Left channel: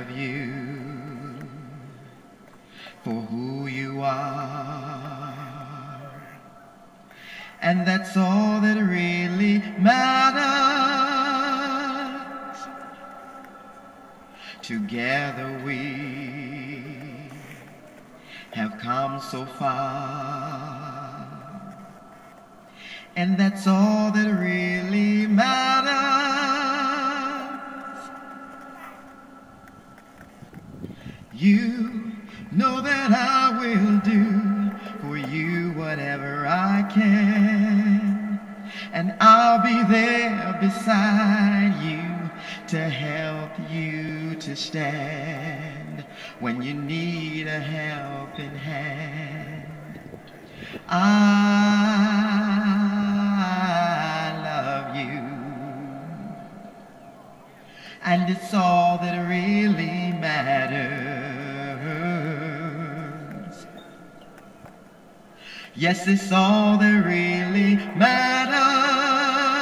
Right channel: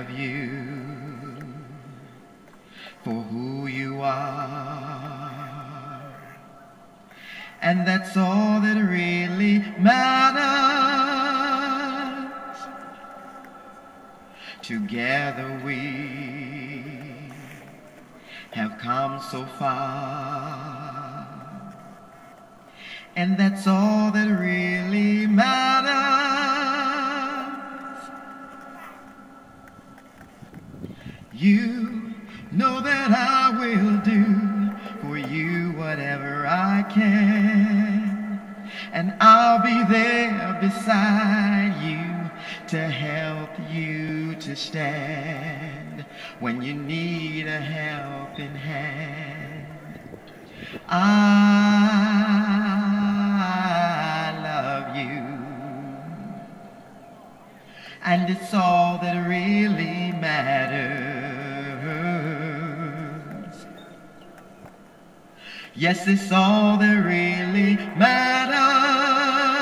love you for who you are, and that's all that really matters. Together we have come so far, and that's all that really matters. You know that I will do for you whatever I can, and I'll be there beside you to help you to stand when you need a helping hand. I love you, and it's all that really matters. Yes, it's all that really matters.